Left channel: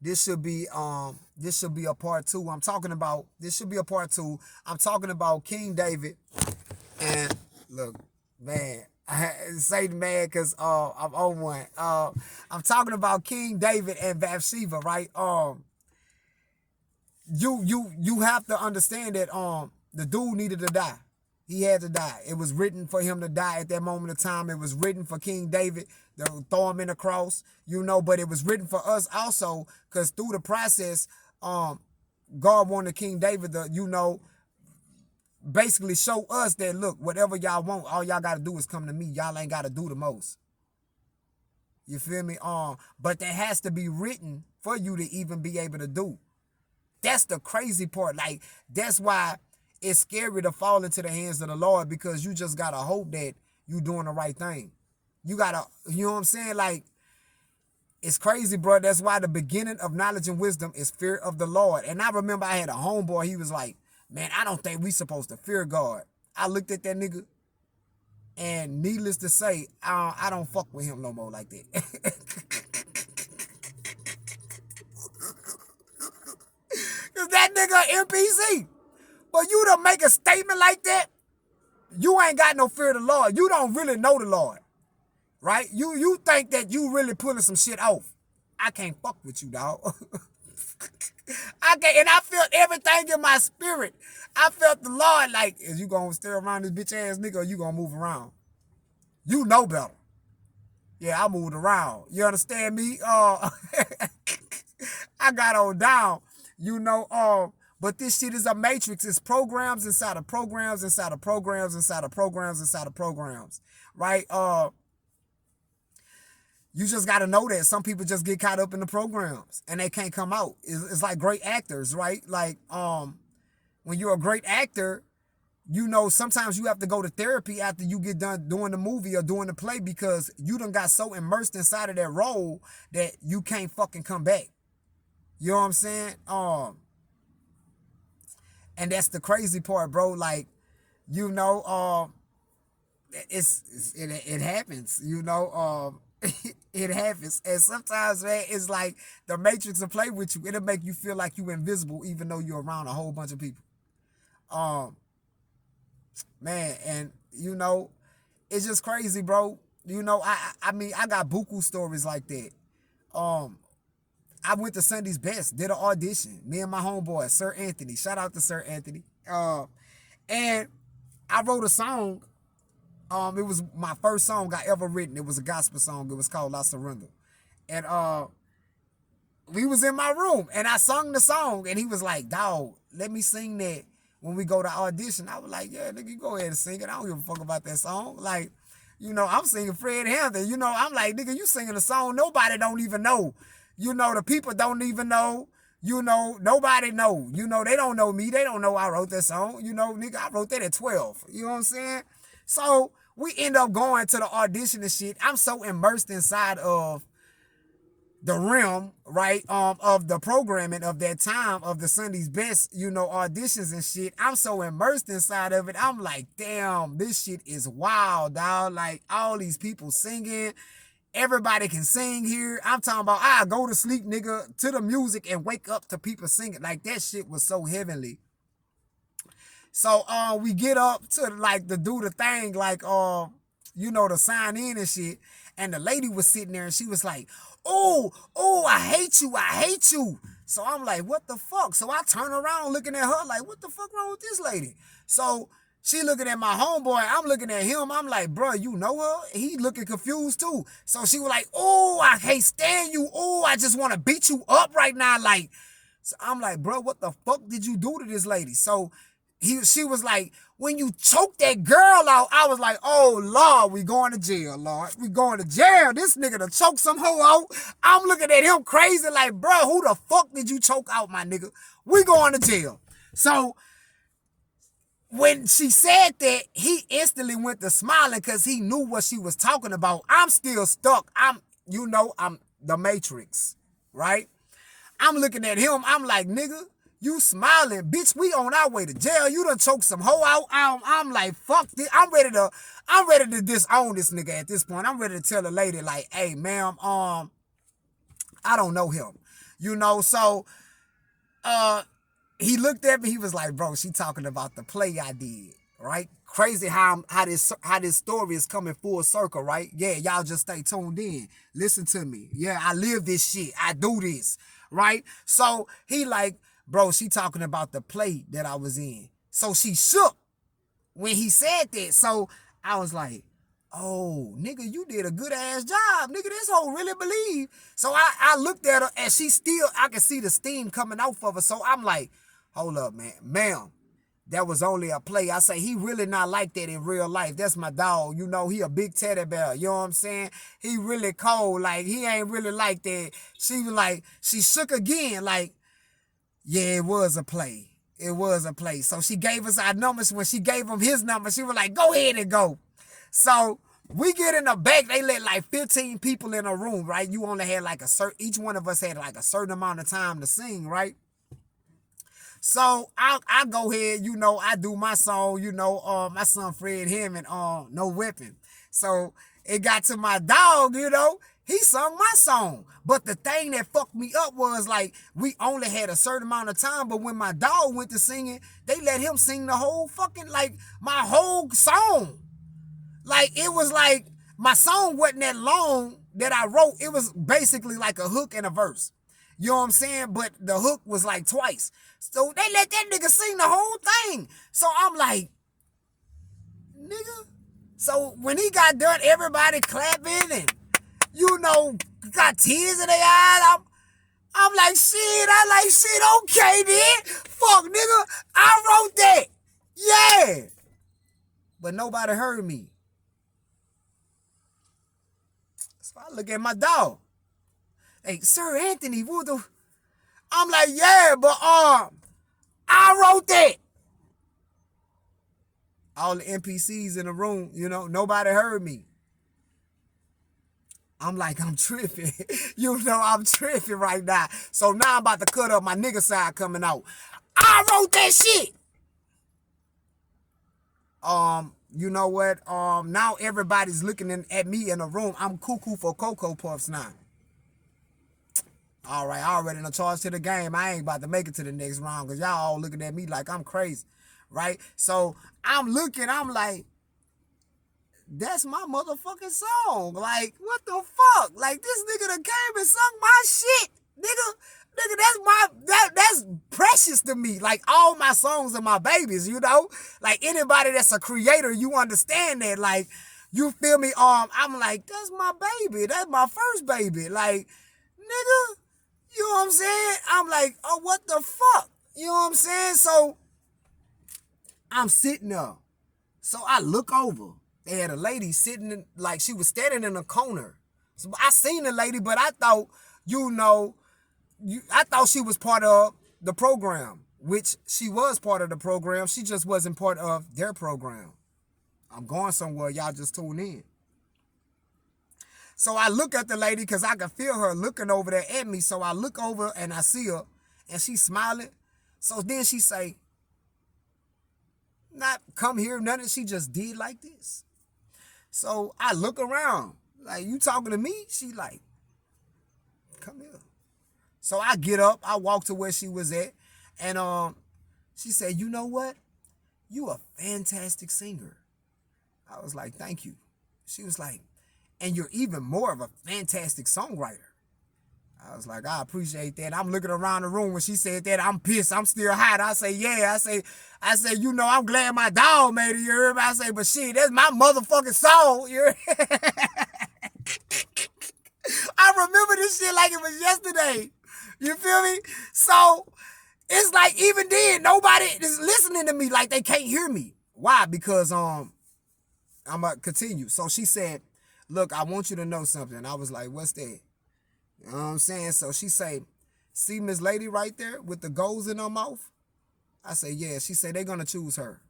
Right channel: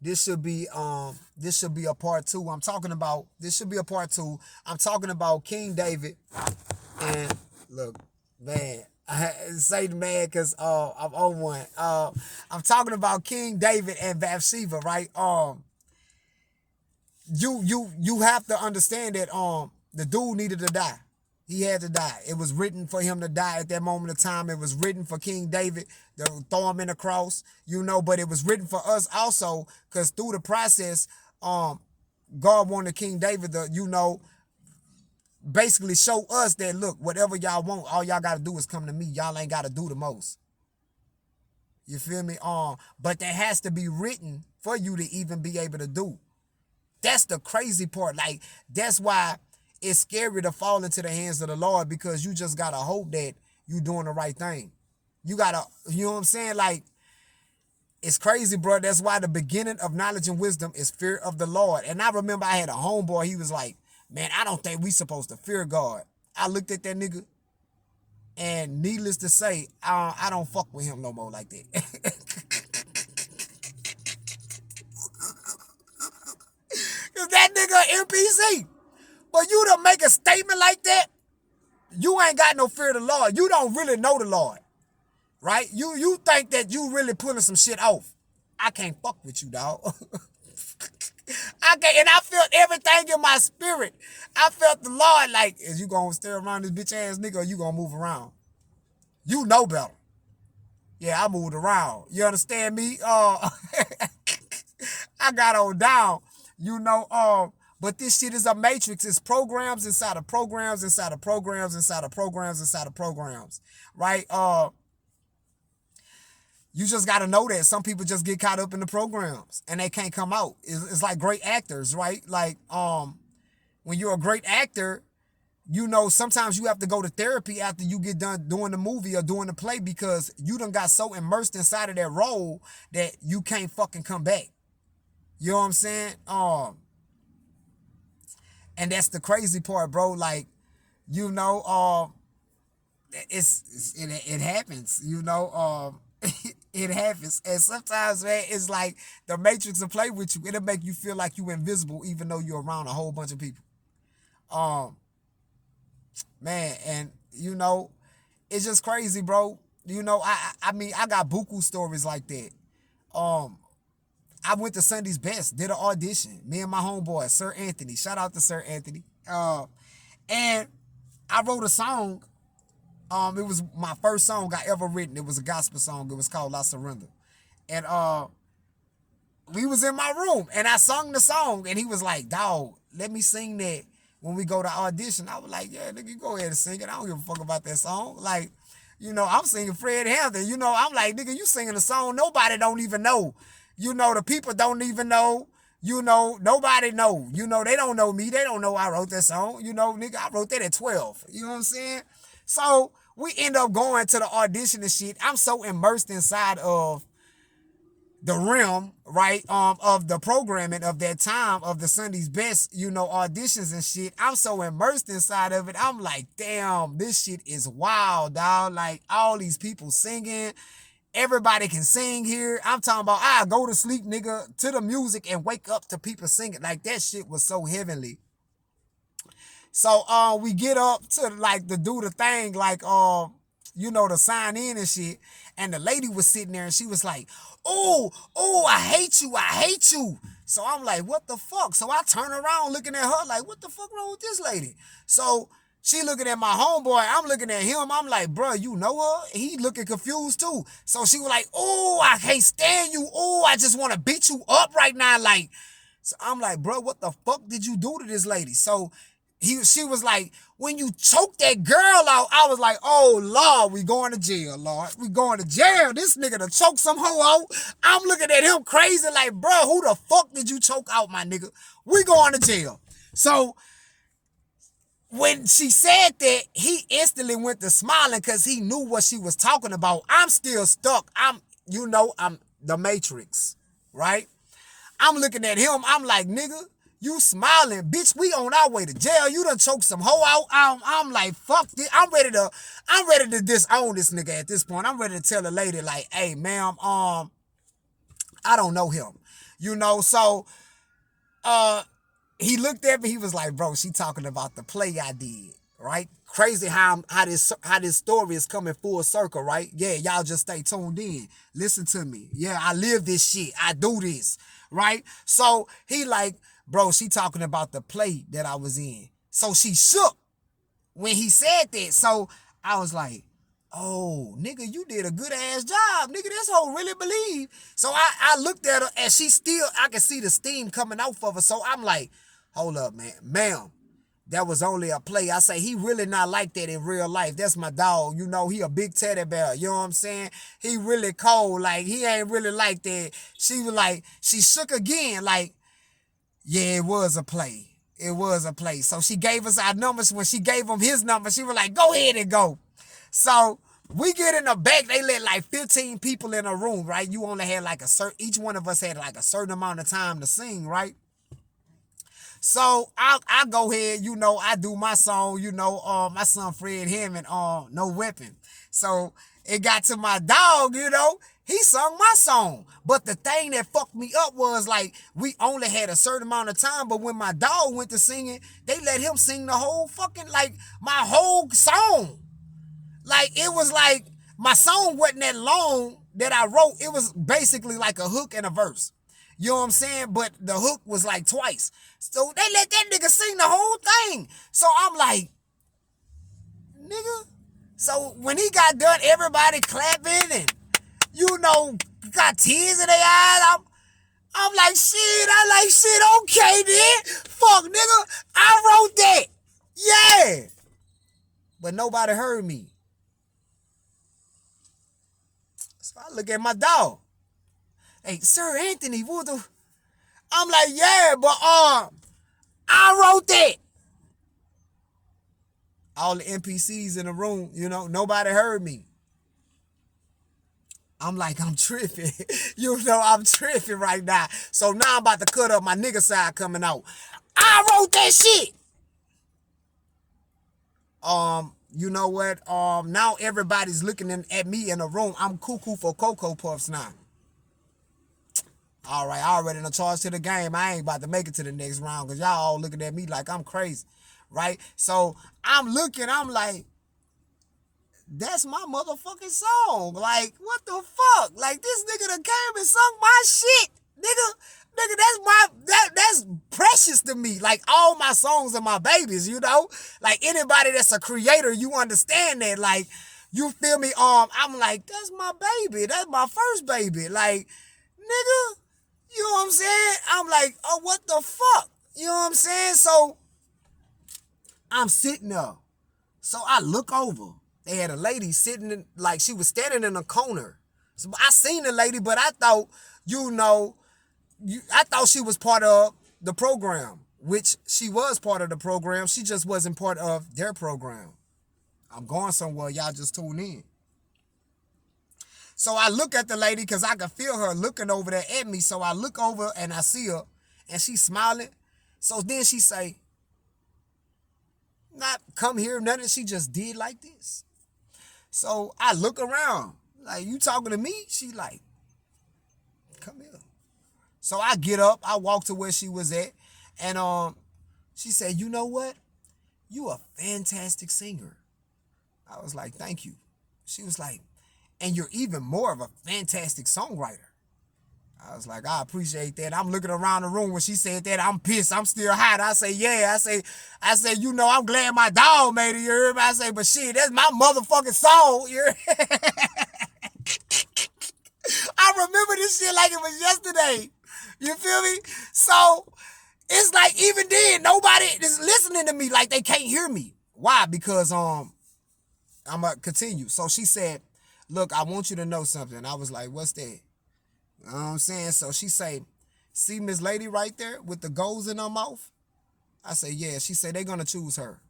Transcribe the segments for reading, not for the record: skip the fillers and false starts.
this should be a part two. This should be a part two. I'm talking about King David and look, man. I say man because I'm on one. I'm talking about King David and Bathsheba, right? You have to understand that the dude needed to die. He had to die. It was written for him to die at that moment of time. It was written for King David to throw him in the cross, but it was written for us also because through the process, God wanted King David to, basically show us that, look, whatever y'all want, all y'all got to do is come to me. Y'all ain't got to do the most. You feel me? But that has to be written for you to even be able to do. That's the crazy part. Like, that's why it's scary to fall into the hands of the Lord because you just got to hope that you doing the right thing. You got to, you know what I'm saying? Like, it's crazy, bro. That's why the beginning of knowledge and wisdom is fear of the Lord. And I remember I had a homeboy. He was like, man, I don't think we supposed to fear God. I looked at that nigga, and needless to say, I don't fuck with him no more like that. Cause that nigga NPC. But you to make a statement like that, you ain't got no fear of the Lord. You don't really know the Lord, right? You think that you really pulling some shit off. I can't fuck with you, dog. I can't, and I felt everything in my spirit. I felt the Lord like, is you gonna stay around this bitch ass nigga or you gonna move around? You know better. Yeah, I moved around. You understand me? I got on down, but this shit is a matrix. It's programs inside of programs inside of programs inside of programs inside of programs, right? You just got to know that some people just get caught up in the programs and they can't come out. It's like great actors, right? Like when you're a great actor, sometimes you have to go to therapy after you get done doing the movie or doing the play because you done got so immersed inside of that role that you can't fucking come back. You know what I'm saying? And that's the crazy part, bro. Like, it happens, it happens. And sometimes, man, it's like the Matrix will play with you. It'll make you feel like you invisible even though you're around a whole bunch of people. Man, and it's just crazy, bro. I mean, I got buku stories like that. I went to Sunday's Best, did an audition. Me and my homeboy, Sir Anthony. Shout out to Sir Anthony. And I wrote a song. It was my first song I ever written. It was a gospel song. It was called I Surrender. And we was in my room and I sung the song and he was like, dawg, let me sing that when we go to audition. I was like, yeah, nigga, you go ahead and sing it. I don't give a fuck about that song. Like, I'm singing Fred Hampton. I'm like, nigga, you singing a song nobody don't even know. The people don't even know. Nobody know. They don't know me. They don't know I wrote that song. Nigga, I wrote that at 12. You know what I'm saying? So we end up going to the audition and shit. I'm so immersed inside of the realm, right, of the programming of that time of the Sunday's Best, auditions and shit. I'm so immersed inside of it. I'm like, damn, this shit is wild, dog. Like, all these people singing. Everybody can sing here. I'm talking about, I go to sleep, nigga, to the music and wake up to people singing. Like, that shit was so heavenly. So we get up to like to do the thing, like to sign in and shit. And the lady was sitting there and she was like, oh, I hate you. So I'm like, what the fuck? So I turn around looking at her like, what the fuck wrong with this lady? So she looking at my homeboy. I'm looking at him. I'm like, bro, you know her? He looking confused too. So she was like, oh, I can't stand you. Oh, I just want to beat you up right now. Like, so I'm like, bro, what the fuck did you do to this lady? So she was like, when you choked that girl out, I was like, oh, Lord, we going to jail, Lord. We going to jail. This nigga done choke some hoe out. I'm looking at him crazy like, bro, who the fuck did you choke out, my nigga? We going to jail. So when she said that, he instantly went to smiling because he knew what she was talking about. I'm still stuck. I'm the Matrix, right? I'm looking at him. I'm like, nigga, you smiling, bitch. We on our way to jail. You done choked some hoe out. I'm like, fuck this. I'm ready to disown this nigga at this point. I'm ready to tell the lady like, hey, ma'am, I don't know him. So uh he looked at me, he was like, bro, she talking about the play I did, right? Crazy how this story is coming full circle, right? Yeah, y'all just stay tuned in. Listen to me. Yeah, I live this shit. I do this, right? So he like, bro, she talking about the play that I was in. So she shook when he said that. So I was like, oh, nigga, you did a good ass job. Nigga, this hoe really believe. So I looked at her and I could see the steam coming off of her. So I'm like, hold up, man. Ma'am, that was only a play. I say, he really not like that in real life. That's my dog. He a big teddy bear. You know what I'm saying? He really cold. Like, he ain't really like that. She was like, she shook again. Like, yeah, it was a play. It was a play. So she gave us our numbers. When she gave him his number, she was like, go ahead and go. So we get in the back. They let like 15 people in a room, right? You only had like each one of us had like a certain amount of time to sing, right? So I go ahead, I do my song, my son Fred Hammond, No Weapon. So it got to my dog, he sung my song. But the thing that fucked me up was like, we only had a certain amount of time, but when my dog went to singing, they let him sing the whole fucking, like, my whole song. Like, it was like, my song wasn't that long that I wrote. It was basically like a hook and a verse. You know what I'm saying? But the hook was like twice. So they let that nigga sing the whole thing. So I'm like, nigga. So when he got done, everybody clapping and, got tears in their eyes. I'm like, shit, okay then. Fuck, nigga, I wrote that. Yeah. But nobody heard me. So I look at my dog. Hey, Sir Anthony, what the... I'm like, yeah, but I wrote that. All the NPCs in the room, nobody heard me. I'm like, I'm tripping. I'm tripping right now. So now I'm about to cut up my nigga side coming out. I wrote that shit. You know what? Now everybody's looking at me in the room. I'm cuckoo for Cocoa Puffs now. All right, I already done charged to the game. I ain't about to make it to the next round because y'all all looking at me like I'm crazy, right? So I'm looking, I'm like, that's my motherfucking song. Like, what the fuck? Like, this nigga done came and sung my shit. Nigga, that's precious to me. Like, all my songs are my babies, Like, anybody that's a creator, you understand that. Like, you feel me? I'm like, that's my baby. That's my first baby. Like, nigga, you know what I'm saying? I'm like, oh, what the fuck? You know what I'm saying? So I'm sitting there. So I look over. They had a lady sitting like she was standing in a corner. So I seen the lady, but I thought, I thought she was part of the program, which she was part of the program. She just wasn't part of their program. I'm going somewhere. Y'all just tune in. So I look at the lady because I could feel her looking over there at me. So I look over and I see her and she's smiling. So then she say, not come here, nothing. She just did like this. So I look around, like, you talking to me? She like, come here. So I get up, I walk to where she was at, and she said, you know what? You a fantastic singer. I was like, thank you. She was like, and you're even more of a fantastic songwriter. I was like, I appreciate that. I'm looking around the room when she said that. I'm pissed. I'm still hot. I say, yeah. I say, I'm glad my dog made it. You heard me? I say, but shit, that's my motherfucking song. You I remember this shit like it was yesterday. You feel me? So it's like, even then, nobody is listening to me. Like, they can't hear me. Why? Because I'm gonna continue. So she said, look, I want you to know something. I was like, what's that? You know what I'm saying? So she say, see Miss Lady right there with the goals in her mouth? I say, yeah. She say, they're going to choose her.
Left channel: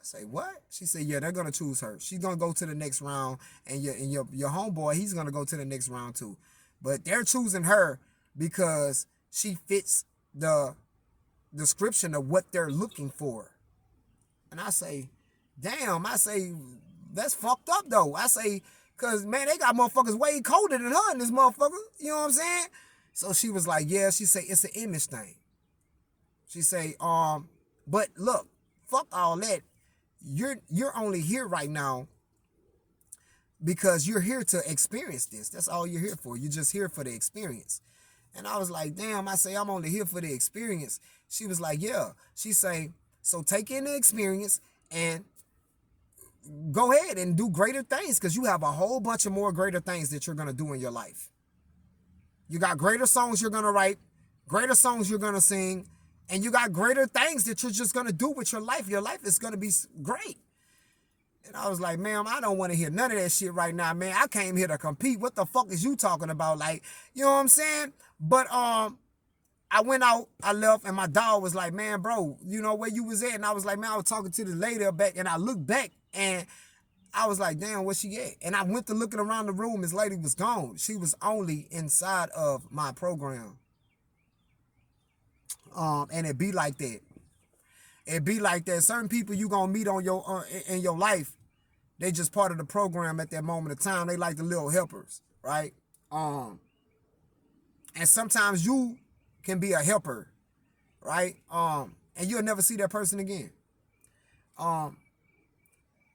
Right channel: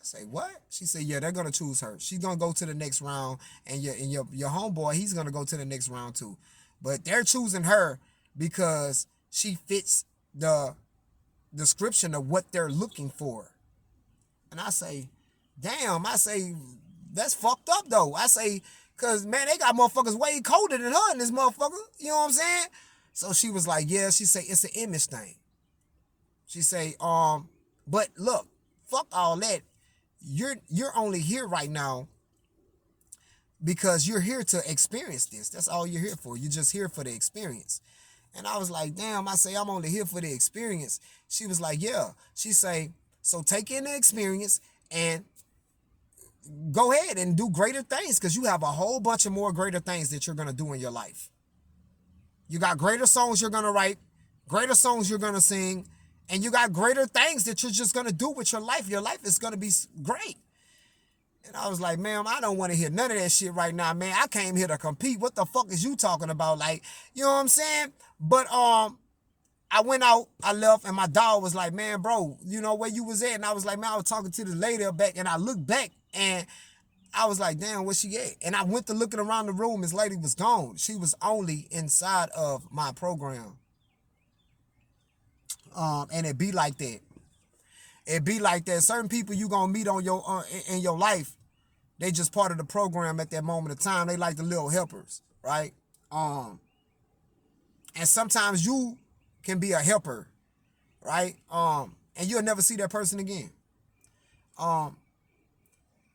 I say, what? She said, yeah, they're going to choose her. She's going to go to the next round, and your homeboy, he's going to go to the next round too. But they're choosing her because she fits the description of what they're looking for. And I say, damn, that's fucked up though. I say, because, man, they got motherfuckers way colder than her in this motherfucker. You know what I'm saying? So she was like, yeah, she say it's an image thing. She say, but look, fuck all that. You're only here right now because you're here to experience this. That's all you're here for. You're just here for the experience. And I was like, damn, I say I'm only here for the experience. She was like, yeah. She say, so take in the experience and go ahead and do greater things because you have a whole bunch of more greater things that you're going to do in your life. You got greater songs you're going to write, greater songs you're going to sing, and you got greater things that you're just going to do with your life. Your life is going to be great. And I was like, ma'am, I don't want to hear none of that shit right now, man. I came here to compete. What the fuck is you talking about? Like, you know what I'm saying? But I went out, I left, and my dog was like, man, bro, you know where you was at? And I was like, man, I was talking to the lady back, and I looked back, and I was like, damn, where she at? And I went to looking around the room. This lady was gone. She was only inside of my program. And it be like that. It be like that. Certain people you gonna meet on your in your life, they just part of the program at that moment of time. They like the little helpers, right? And sometimes you can be a helper, right? And you'll never see that person again.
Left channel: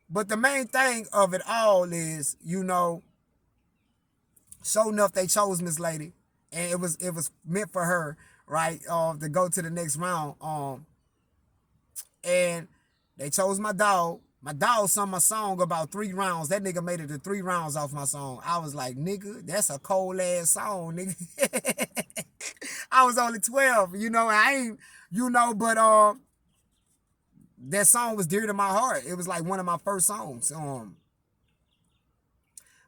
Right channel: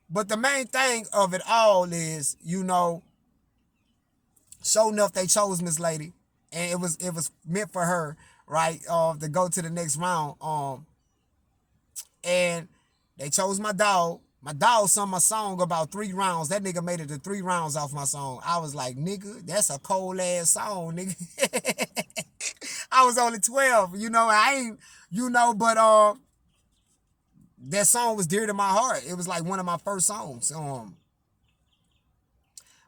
But the main thing of it all is, you know, sure enough, they chose Miss Lady, and it was meant for her, right? To go to the next round. And they chose my dog. My dog sung my song about 3 rounds. That nigga made it to 3 rounds off my song. I was like, nigga, that's a cold ass song, nigga. I was only 12, you know. I ain't, you know, but that song was dear to my heart. It was like one of my first songs.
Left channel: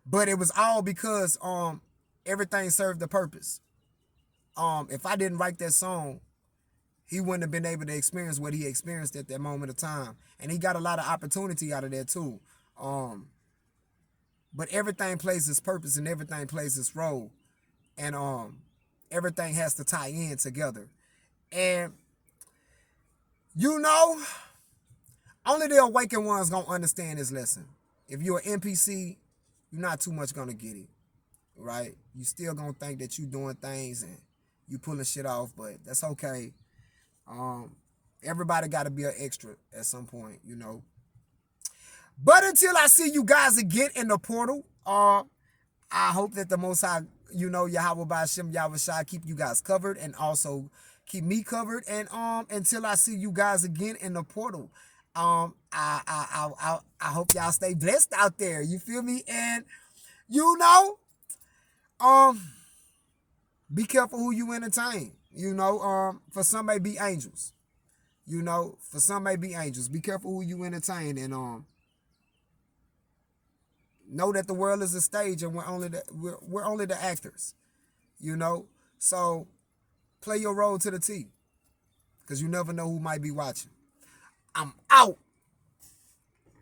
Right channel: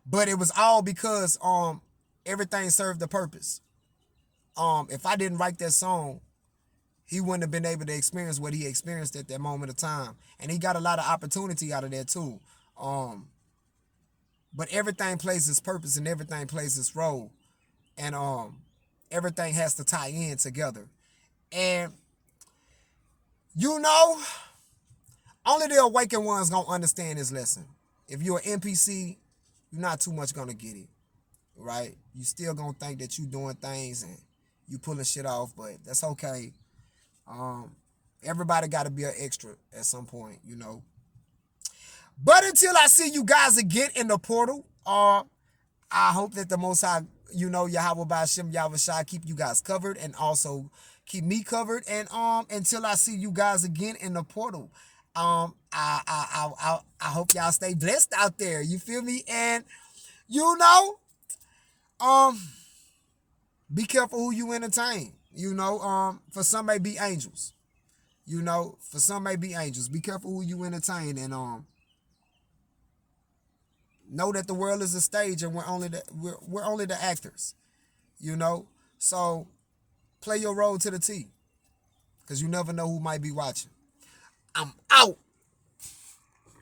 But it was all because everything served a purpose. If I didn't write that song, he wouldn't have been able to experience what he experienced at that moment of time. And he got a lot of opportunity out of that too. But everything plays its purpose and everything plays its role. And everything has to tie in together. And, you know, only the awakened ones gonna understand this lesson. If you're an NPC, you're not too much gonna get it, right? You still gonna think that you doing things and you pulling shit off, but that's okay. Everybody got to be an extra at some point, you know. But until I see you guys again in the portal, I hope that the Most High, you know, Yahweh Ba'Shem Yahushua keep you guys covered and also keep me covered. And until I see you guys again in the portal, I hope y'all stay blessed out there. You feel me? And you know, be careful who you entertain. You know, for some may be angels. You know, for some may be angels. Be careful who you entertain, and know that the world is a stage, and we're only the actors. You know, so play your role to the T, because you never know who might be watching. I'm out.